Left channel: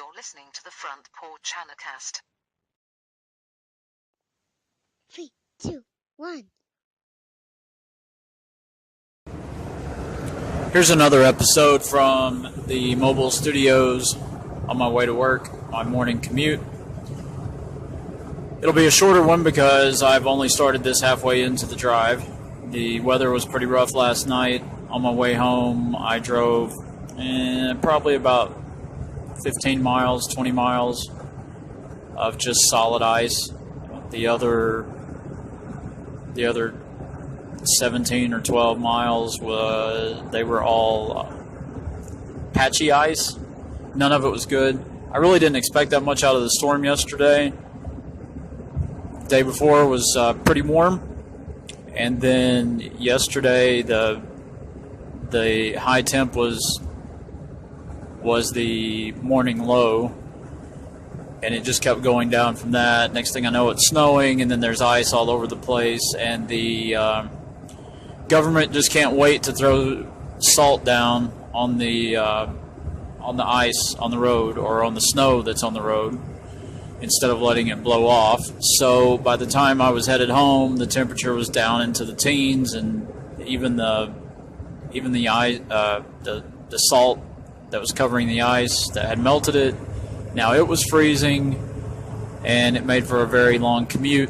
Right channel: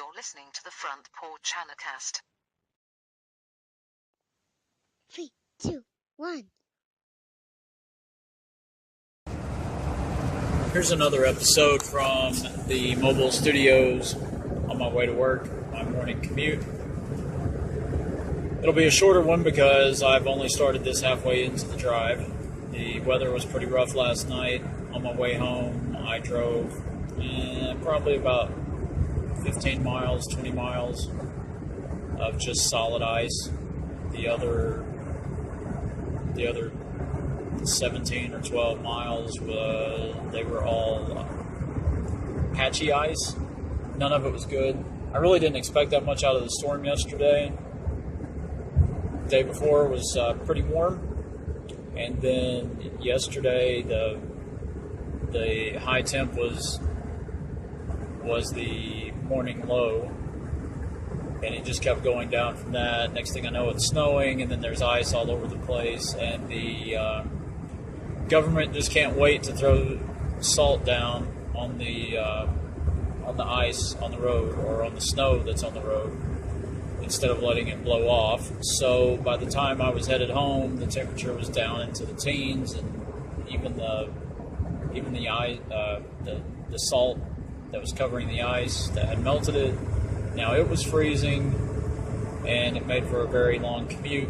You're listening to the Front Porch Anarchast. 3, 2, 1. Here's another episode from the mobile studios on my way to work, my morning commute. It'll be a shorter one because I've only started this halfway into the drive. The weather was pretty rough last night. On my way home, I drove probably about 15 miles, 20 miles of just solid ice. The other 17 or 12 miles they were all patchy ice. None of it was good. I really didn't expect that much out of the storm yesterday. The day before was pretty warm, and then yesterday the high temp was the morning low, and it just kept going down from that. Next thing I know, it's snowing, and then there's ice all over the place, and the government just can't wait to throw salt down on the ice on the road, or on the snow that's on the road, instead of letting it blow off. So by the time I was headed home, the temperature was down into the teens, and even the salt that was covering the ice that had melted it, now it was freezing, and it made for a very long commute.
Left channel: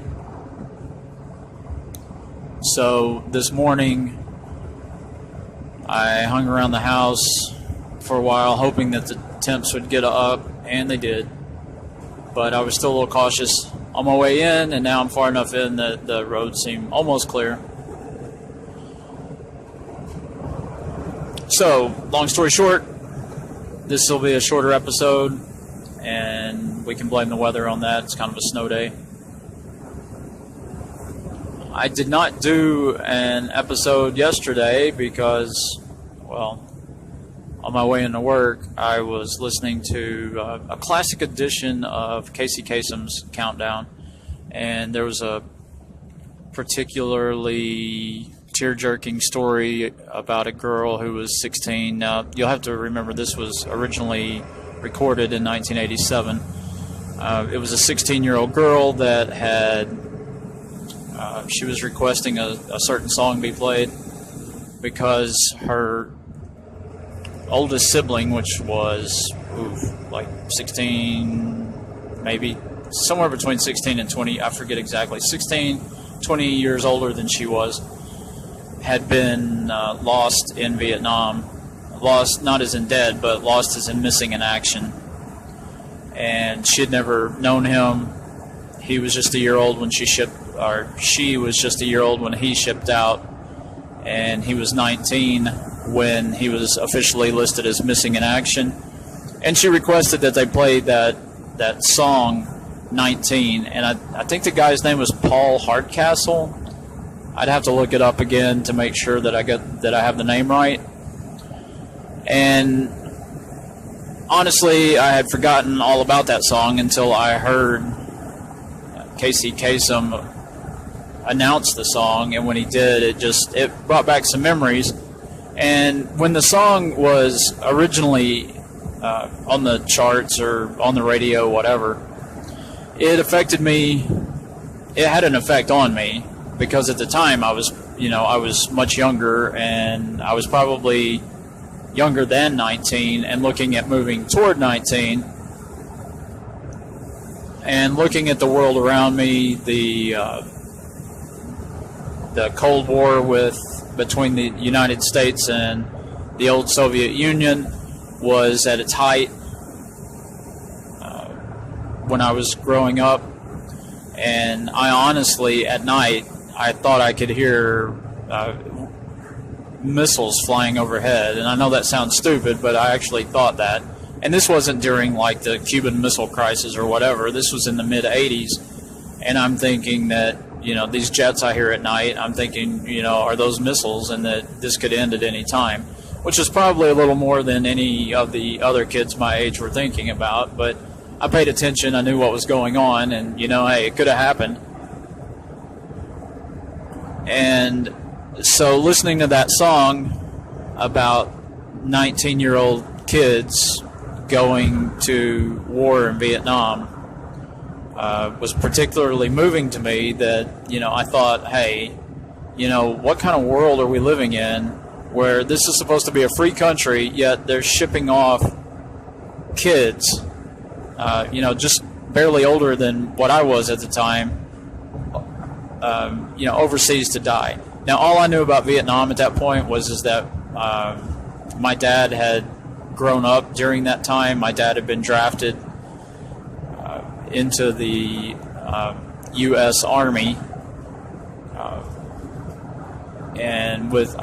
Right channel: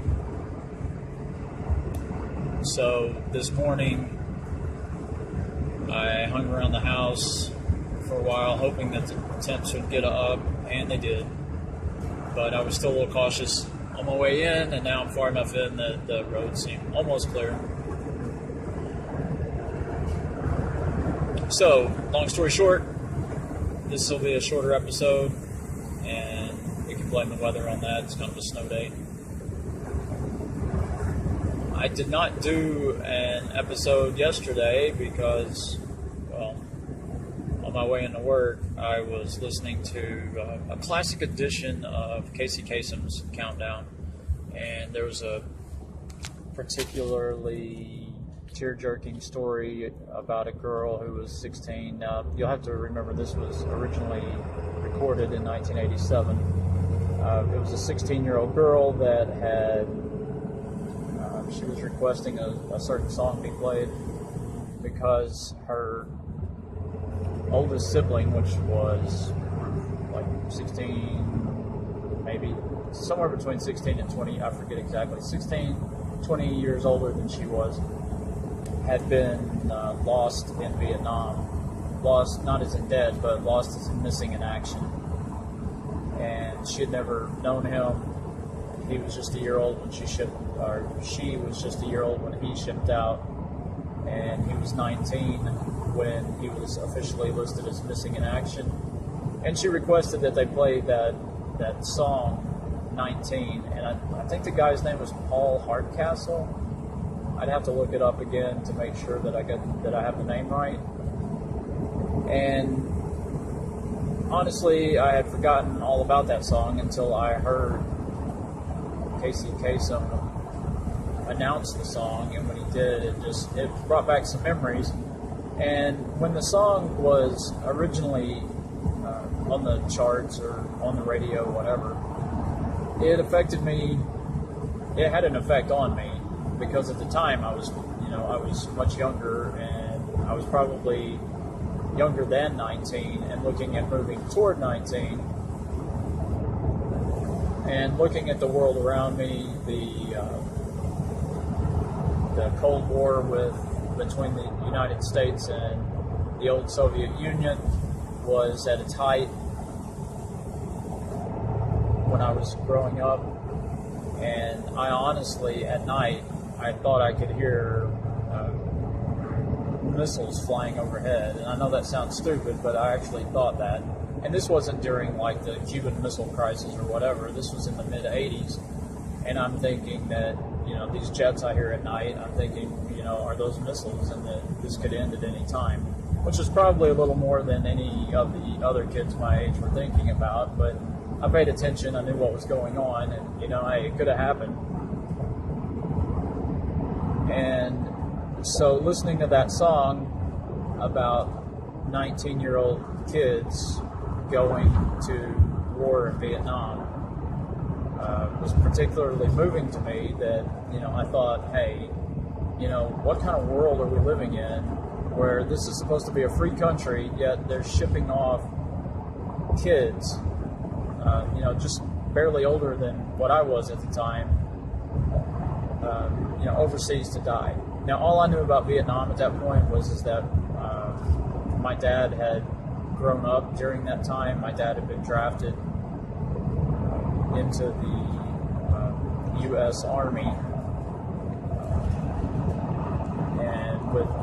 So this morning I hung around the house for a while, hoping that the temps would get up, and they did. But I was still a little cautious on my way in, and now I'm far enough in that the roads seem almost clear. So, long story short, this will be a shorter episode, and we can blame the weather on that. It's kind of a snow day. I did not do an episode yesterday because, well, on my way into work, I was listening to a classic edition of Casey Kasem's Countdown, and there was a particularly tear-jerking story about a girl who was 16. Now, you'll have to remember this was originally recorded in 1987. It was a 16-year-old girl that she was requesting a certain song be played because her oldest sibling, which was like 16, maybe somewhere between 16 and 20, I forget exactly, 16, 20 years older than she was, had been lost in Vietnam. Lost not as in dead, but lost as in missing in action. And she had never known him. He was just a year old when she was just a year old when he shipped out, and he was 19 when he was officially listed as missing in action. And she requested that they play that song 19, and I think the guy's name was Paul Hardcastle. I'd have to look it up again to make sure that I have the name right. And honestly, I had forgotten all about that song until I heard Casey Kasem announce the song, and when he did, it brought back some memories. And when the song was originally on the charts or on the radio, whatever, it affected me. It had an effect on me because at the time I was much younger, and I was probably younger than 19 and looking at moving toward 19 and looking at the world around me. The Cold War between the United States and the old Soviet Union was at its height when I was growing up, and I honestly, at night, I thought I could hear missiles flying overhead. And I know that sounds stupid, but I actually thought that. And this wasn't during like the Cuban Missile Crisis or whatever. This was in the mid-'80s, and I'm thinking that, these jets I hear at night, I'm thinking, are those missiles, and that this could end at any time, which is probably a little more than any of the other kids my age were thinking about. But I paid attention. I knew what was going on, and, hey, it could have happened. And so listening to that song about 19-year-old kids going to war in Vietnam was particularly moving to me. That, I thought, hey, what kind of world are we living in where this is supposed to be a free country, yet they're shipping off kids, just barely older than what I was at the time, overseas to die. Now, all I knew about Vietnam at that point was that my dad had grown up during that time. My dad had been drafted into the U.S. Army, and with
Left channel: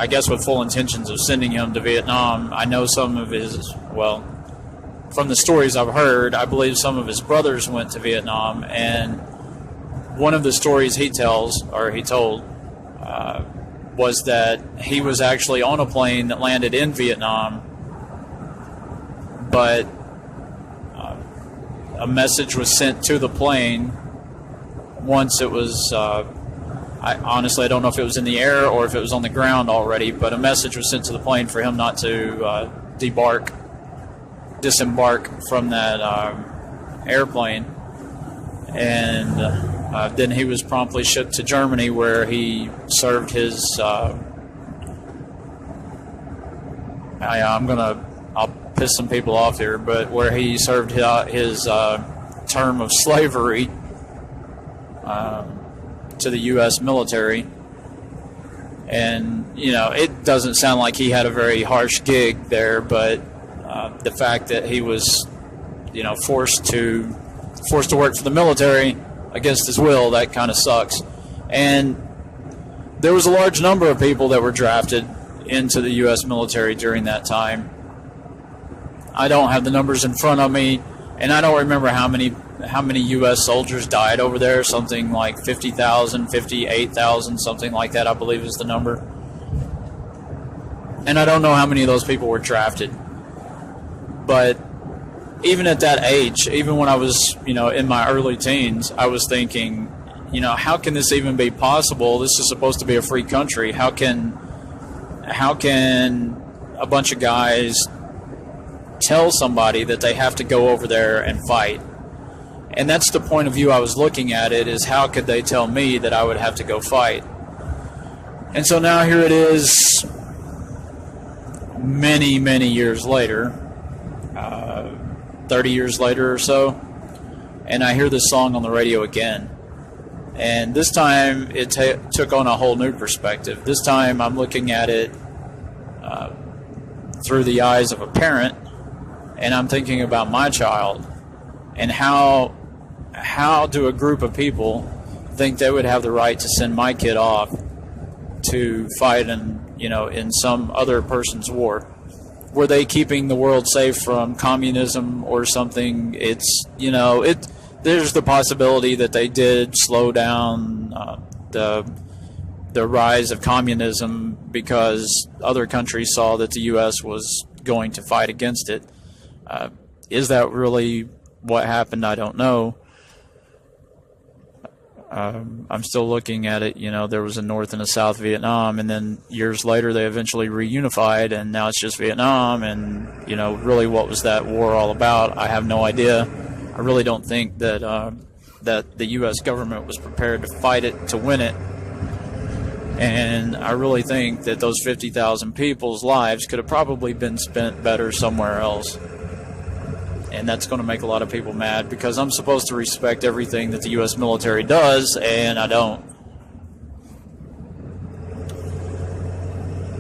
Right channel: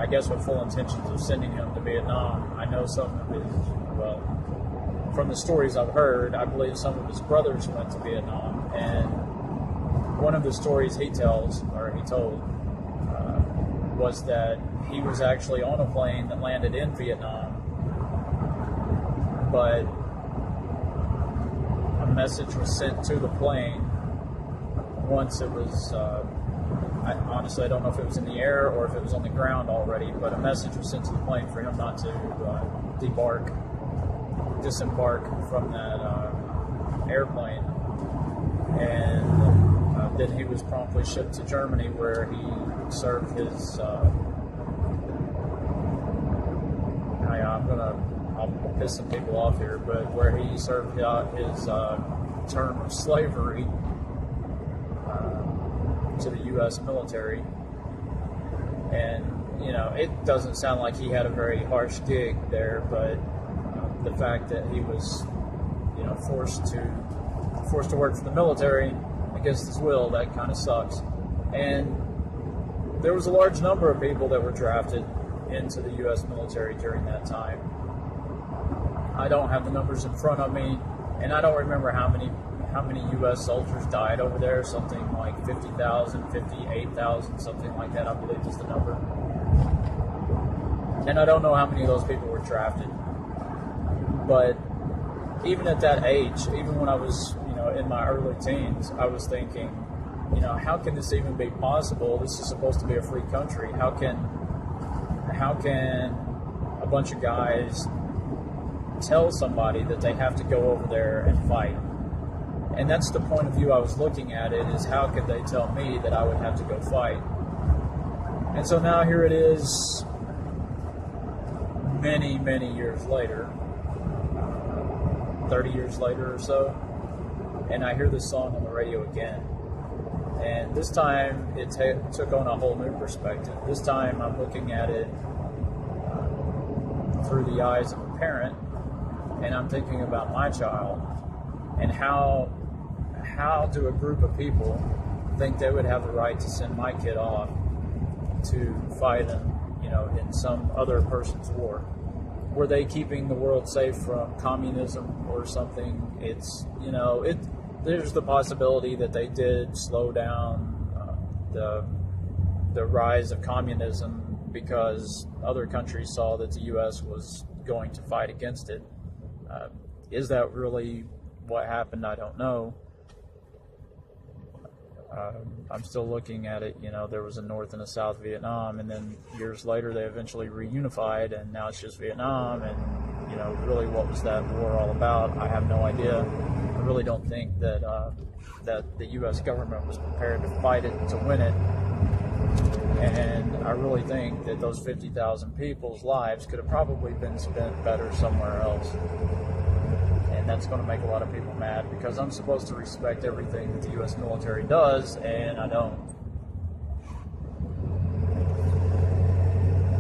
full intentions of sending him to Vietnam. I know some of his, from the stories I've heard, I believe some of his brothers went to Vietnam, and one of the stories he told, was that he was actually on a plane that landed in Vietnam, but a message was sent to the plane once it was, I don't know if it was in the air or if it was on the ground already, but a message was sent to the plane for him not to disembark from that airplane. And then he was promptly shipped to Germany, where he served his I'll piss some people off here, but where he served his term of slavery to the U.S. military. And, it doesn't sound like he had a very harsh gig there, but the fact that he was, forced to work for the military against his will, that kind of sucks. And there was a large number of people that were drafted into the U.S. military during that time. I don't have the numbers in front of me, and I don't remember how many U.S. soldiers died over there. Something like 50,000, 58,000, something like that, I believe is the number. And I don't know how many of those people were drafted. But even at that age, even when I was, in my early teens, I was thinking, how can this even be possible? This is supposed to be a free country. How can a bunch of guys tell somebody that they have to go over there and fight? And that's the point of view I was looking at it, is how could they tell me that I would have to go fight? And so now here it is, many, many years later, 30 years later or so, and I hear this song on the radio again. And this time it took on a whole new perspective. This time I'm looking at it through the eyes of a parent, and I'm thinking about my child, and how do a group of people think they would have the right to send my kid off to fight in some other person's war? Were they keeping the world safe from communism or something? It's, there's the possibility that they did slow down the rise of communism because other countries saw that the U.S. was going to fight against it. Is that really what happened? I don't know. I'm still looking at it. There was a North and a South Vietnam, and then years later they eventually reunified, and now it's just Vietnam. And really, what was that war all about? I have no idea. I really don't think that that the U.S. government was prepared to fight it to win it. And I really think that those 50,000 people's lives could have probably been spent better somewhere else. And that's going to make a lot of people mad, because I'm supposed to respect everything that the U.S. military does, and I don't.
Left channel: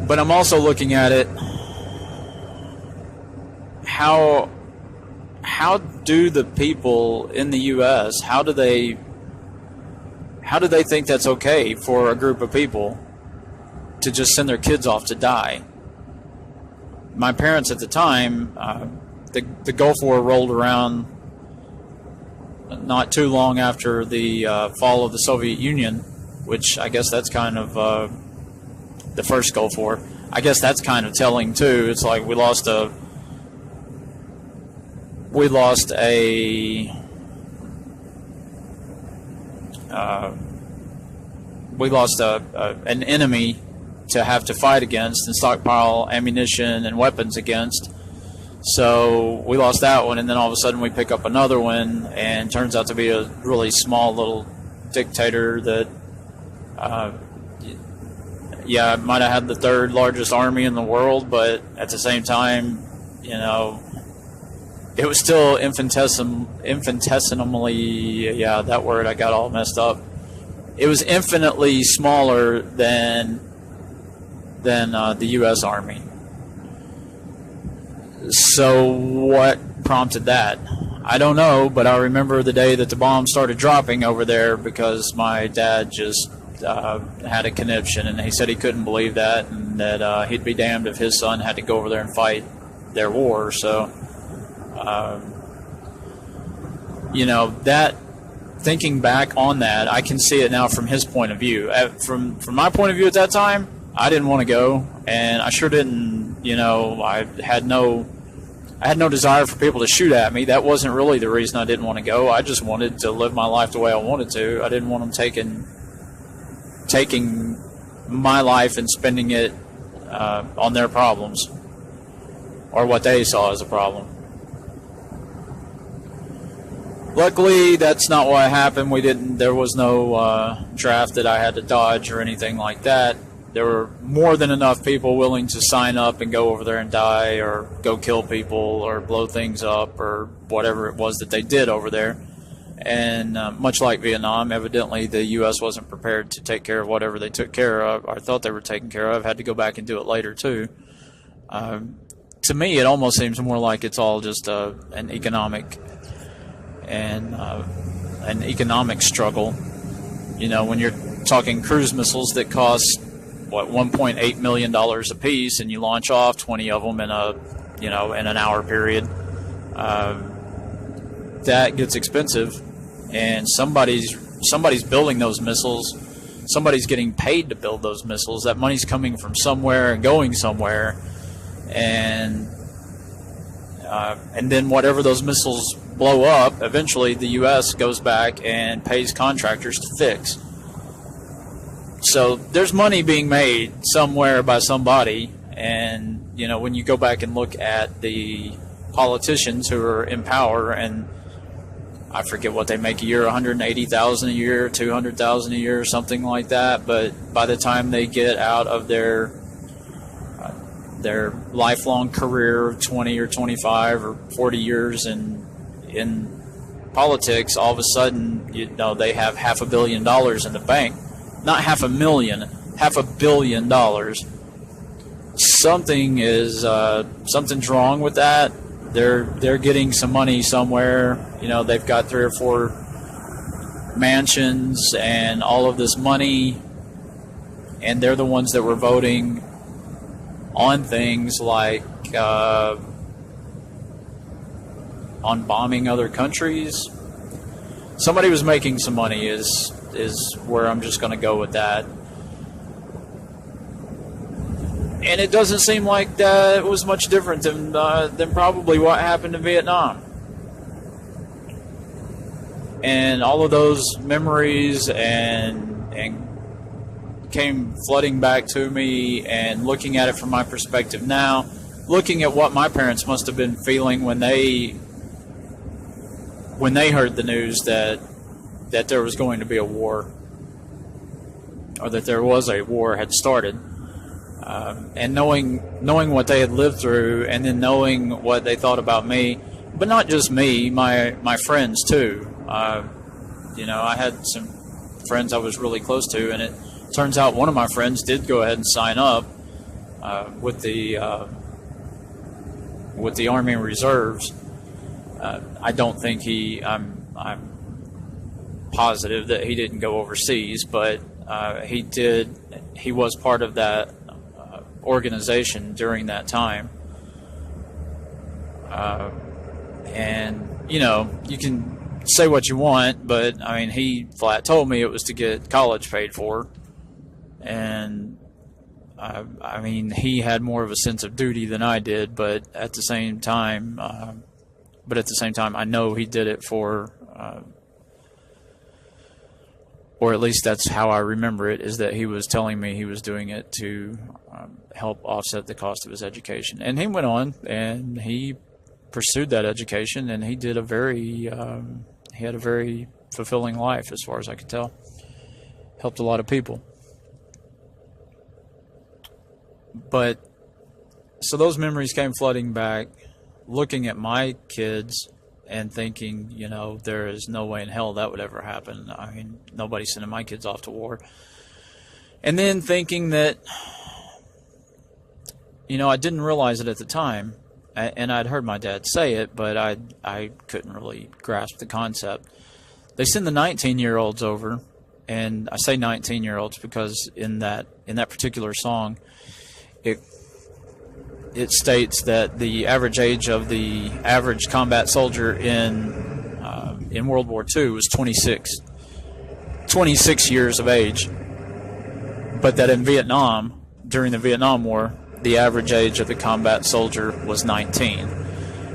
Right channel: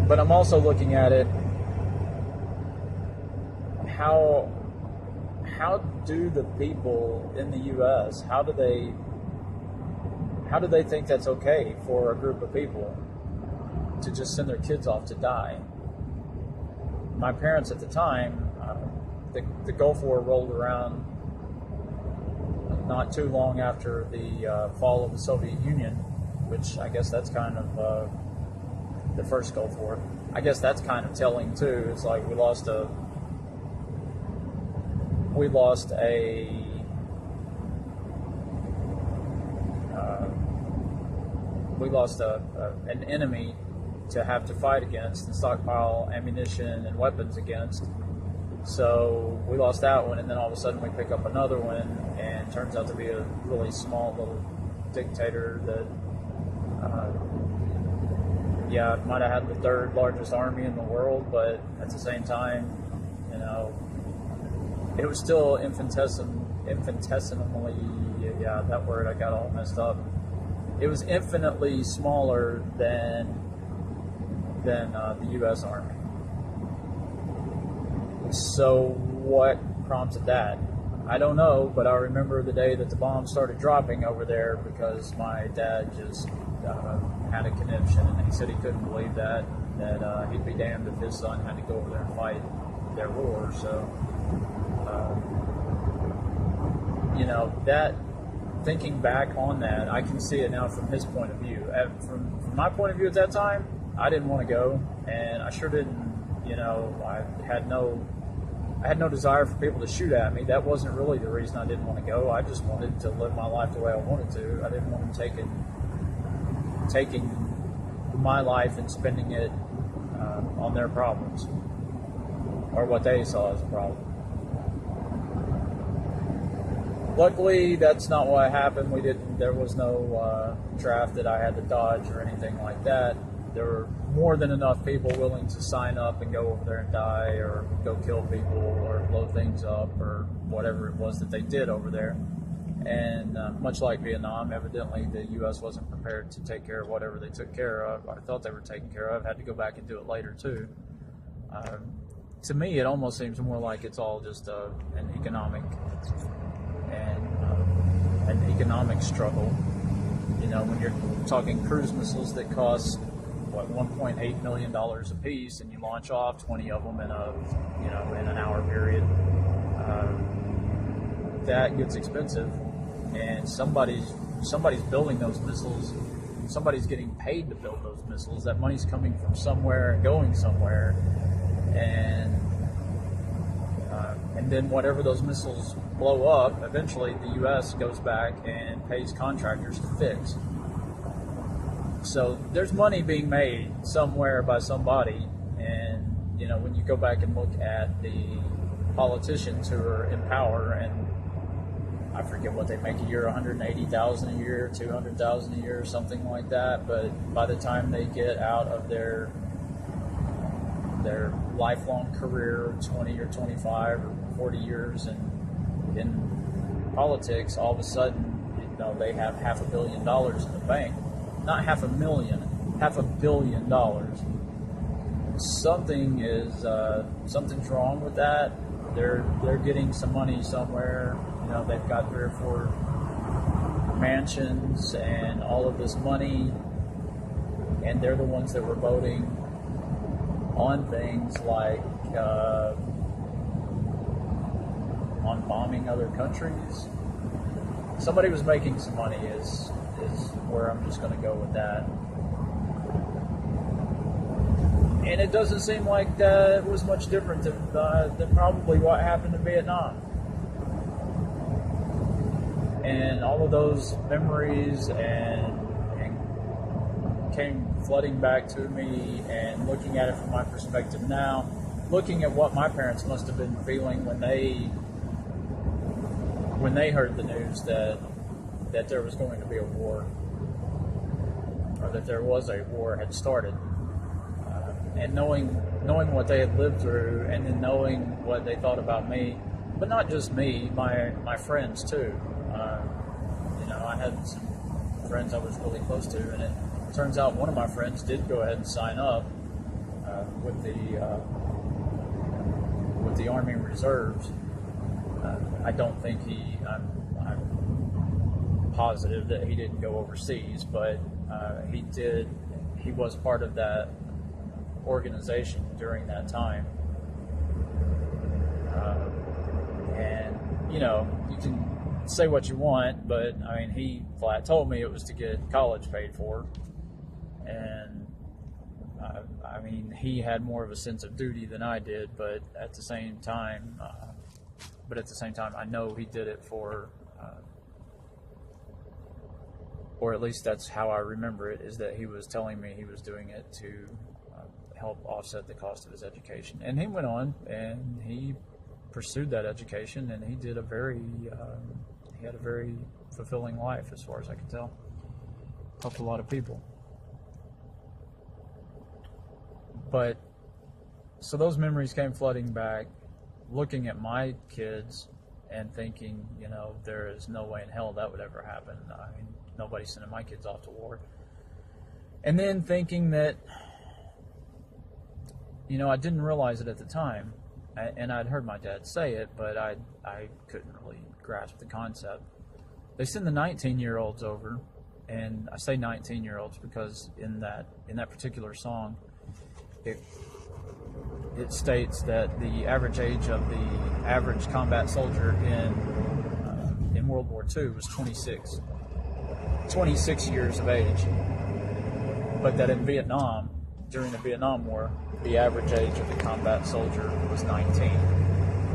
But I'm also looking at it, how do the people in the U.S., how do they think that's okay for a group of people to just send their kids off to die? My parents at the time, the Gulf War rolled around not too long after the fall of the Soviet Union, which I guess that's kind of the first Gulf War. I guess that's kind of telling too. It's like we lost an enemy to have to fight against and stockpile ammunition and weapons against. So we lost that one, and then all of a sudden we pick up another one, and turns out to be a really small little dictator that, might have had the third largest army in the world, but at the same time, it was still infinitesimally, that word I got all messed up. It was infinitely smaller than the U.S. Army. So what prompted that? I don't know, but I remember the day that the bombs started dropping over there because my dad just had a conniption, and he said he couldn't believe that, and that he'd be damned if his son had to go over there and fight their war. So, that, thinking back on that, I can see it now from his point of view. From my point of view at that time, I didn't want to go, and I sure didn't. I had no desire for people to shoot at me. That wasn't really the reason I didn't want to go. I just wanted to live my life the way I wanted to. I didn't want them taking my life and spending it on their problems or what they saw as a problem. Luckily, that's not what happened. There was no draft that I had to dodge or anything like that. There were more than enough people willing to sign up and go over there and die or go kill people or blow things up or whatever it was that they did over there. And much like Vietnam, evidently the U.S. wasn't prepared to take care of whatever they took care of or thought they were taking care of, had to go back and do it later too. To me, it almost seems more like it's all just an economic struggle. When you're talking cruise missiles that cost $1.8 million a piece, and you launch off 20 of them in an hour period, that gets expensive, and somebody's building those missiles. Somebody's getting paid to build those missiles. That money's coming from somewhere and going somewhere, and then whatever those missiles blow up, eventually the U.S. goes back and pays contractors to fix. So there's money being made somewhere by somebody, and when you go back and look at the politicians who are in power, and I forget what they make a year, $180,000 a year, $200,000 a year, something like that. But by the time they get out of their lifelong career of 20 or 25 or 40 years in politics, all of a sudden they have $500 million in the bank. Not $500,000, $500 million. Something's wrong with that. They're getting some money somewhere. They've got 3 or 4 mansions and all of this money, and they're the ones that were voting on things like on bombing other countries. Somebody was making some money is where I'm just going to go with that. And it doesn't seem like that was much different than probably what happened in Vietnam. And all of those memories and came flooding back to me, and looking at it from my perspective now, looking at what my parents must have been feeling when they heard the news that there was going to be a war, or that there was a war had started, and knowing what they had lived through, and then knowing what they thought about me, but not just me, my friends too. I had some friends I was really close to, and it turns out one of my friends did go ahead and sign up with the Army Reserves. I don't think I'm positive that he didn't go overseas, but he did. He was part of that organization during that time, and you can say what you want, but he flat told me it was to get college paid for, and he had more of a sense of duty than I did, but at the same time, I know he did it for. Or at least that's how I remember it, is that he was telling me he was doing it to help offset the cost of his education. And he went on, and he pursued that education, and he did he had a very fulfilling life as far as I could tell. Helped a lot of people. But so those memories came flooding back, looking at my kids and thinking, there is no way in hell that would ever happen. I mean, nobody's sending my kids off to war. And then thinking that, I didn't realize it at the time, and I'd heard my dad say it, but I couldn't really grasp the concept. They send the 19-year-olds over, and I say 19-year-olds because in that particular song, it states that the average age of the average combat soldier in World War II was 26 years of age, but that in Vietnam, during the Vietnam War, the average age of the combat soldier was 19.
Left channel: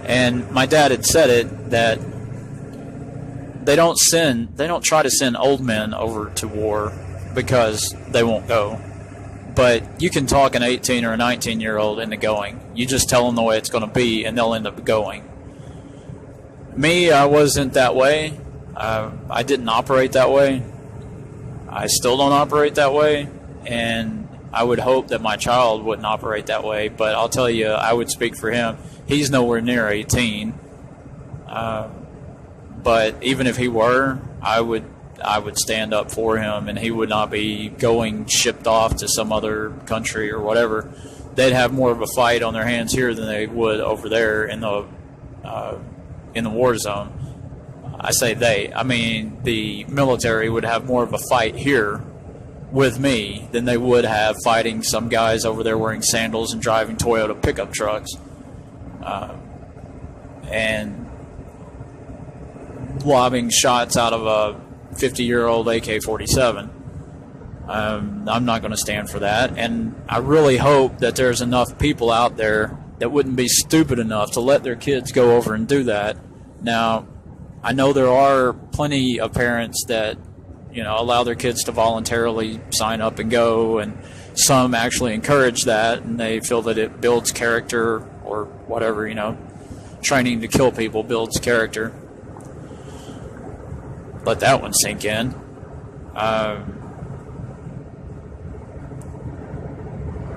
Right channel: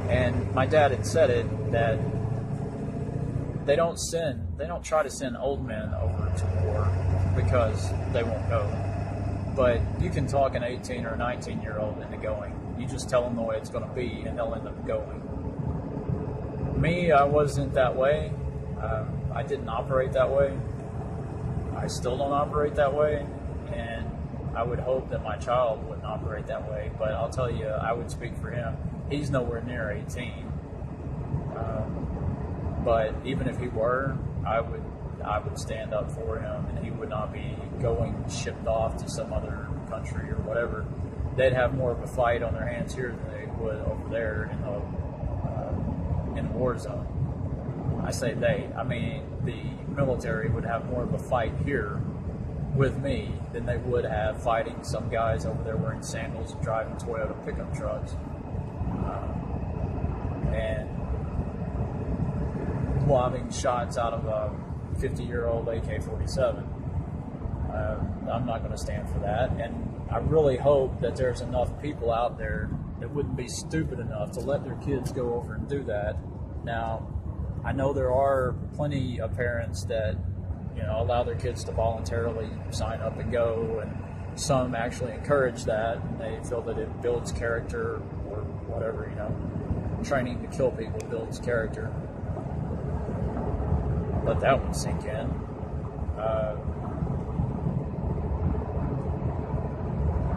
And my dad had said it, that they don't try to send old men over to war because they won't go. But you can talk an 18 or a 19-year-old into going. You just tell them the way it's going to be, and they'll end up going. Me, I wasn't that way. I didn't operate that way. I still don't operate that way. And I would hope that my child wouldn't operate that way. But I'll tell you, I would speak for him. He's nowhere near 18. But even if he were, I would stand up for him, and he would not be going shipped off to some other country or whatever. They'd have more of a fight on their hands here than they would over there in the war zone. I say they. I mean, the military would have more of a fight here with me than they would have fighting some guys over there wearing sandals and driving Toyota pickup trucks. And lobbing shots out of a 50-year-old AK-47. I'm not going to stand for that, and I really hope that there's enough people out there that wouldn't be stupid enough to let their kids go over and do that. Now, I know there are plenty of parents that, allow their kids to voluntarily sign up and go, and some actually encourage that, and they feel that it builds character or whatever, training to kill people builds character. Let that one sink in.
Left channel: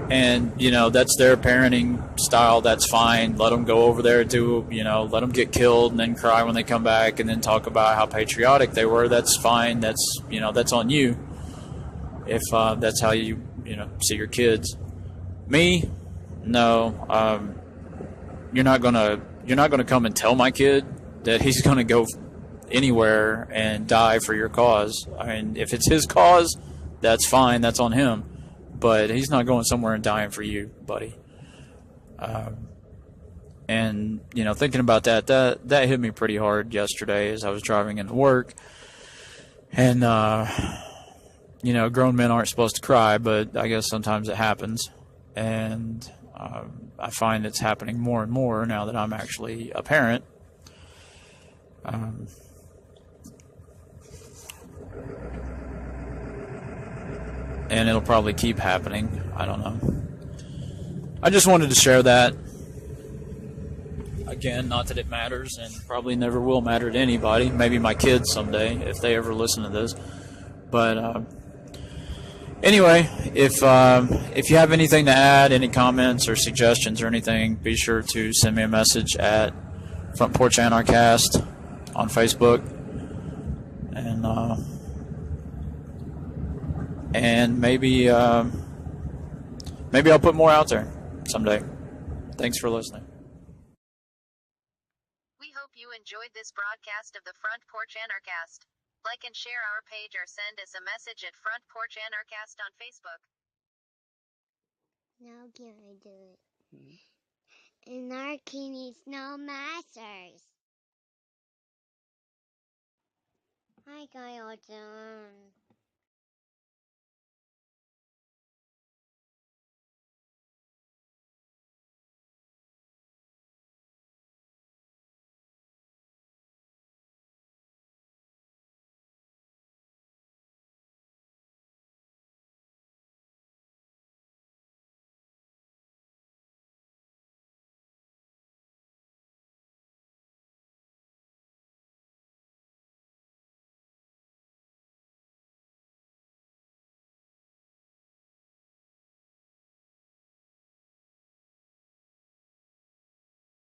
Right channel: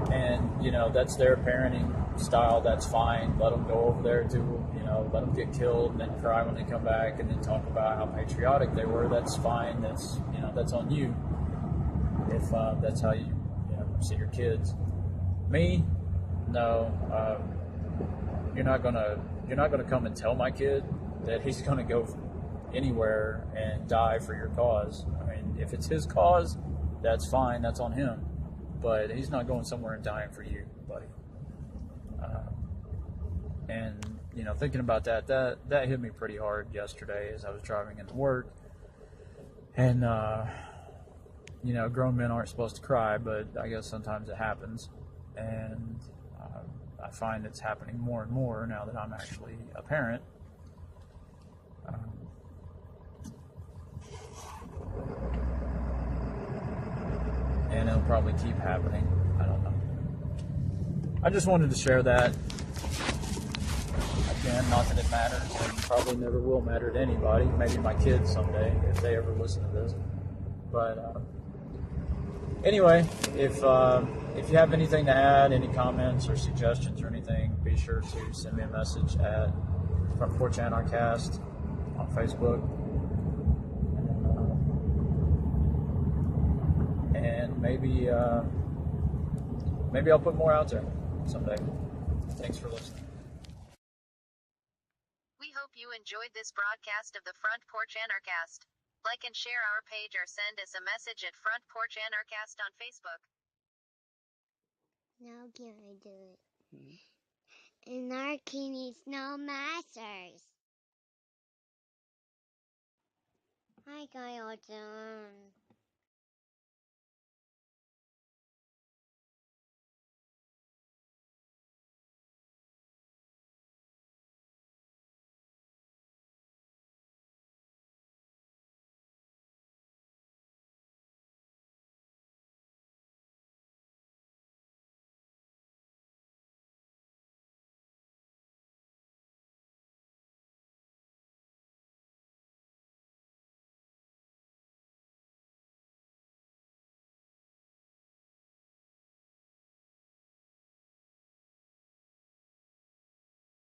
And, that's their parenting style. That's fine. Let them go over there, let them get killed and then cry when they come back and then talk about how patriotic they were. That's fine. That's, that's on you. If that's how you, see your kids. Me, no. You're not gonna come and tell my kid that he's gonna go anywhere and die for your cause. I mean, if it's his cause, that's fine. That's on him. But he's not going somewhere and dying for you, buddy. And, thinking about that hit me pretty hard yesterday as I was driving into work. And, grown men aren't supposed to cry, but I guess sometimes it happens. And I find it's happening more and more now that I'm actually a parent. And it'll probably keep happening. I don't know. I just wanted to share that. Again, not that it matters, and probably never will matter to anybody. Maybe my kids someday, if they ever listen to this. But anyway, if you have anything to add, any comments or suggestions or anything, be sure to send me a message at Front Porch Anarchast on Facebook. And maybe I'll put more out there someday. Thanks for listening. We hope you enjoyed this broadcast of the Front Porch Anarchast. Like and share our page or send us a message at Front Porch Anarchast on Facebook. Now can I do it? Anarchy needs no masters. I got all done.